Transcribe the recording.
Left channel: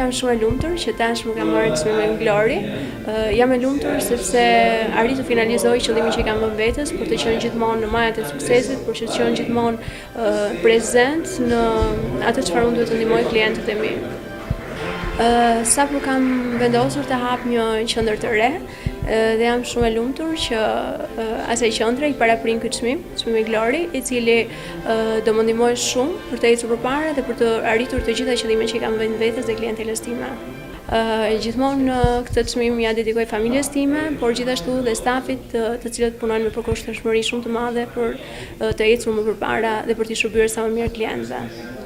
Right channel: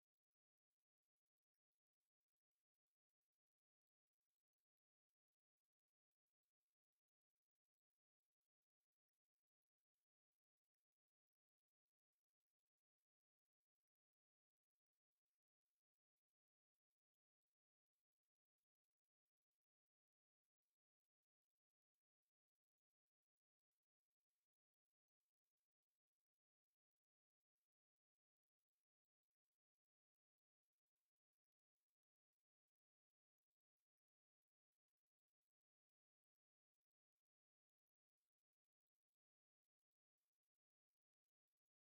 jam shumë e lumtur që tashmë kam marrë çmimin Glori. Jam e lumtur sepse arrit të finalizoj qëllimin që kam vënë vetes për të qenë gjithmonë në majat e suksesit, për të qenë gjithmonë prezent në atë çfarë unë duhet të ndihmoj klientët e mi. Sapo kam vendosur të hap një qendër të re dhe jam shumë e lumtur që asaj qendre i paraprin këtë çmimi Glori, i cili do më ndihmojë shumë për të ecur përpara dhe për të arritur të gjitha qëllimet që kam vënë vetes dhe klientelës time. Gjithmonë këtë çmim ja dedikoj familjes time, por gjithashtu dhe stafit të cilët punojnë me përkushtueshmëri shumë të madhe për të ecur më përpara dhe për t'i shërbyer sa më mirë klientëve.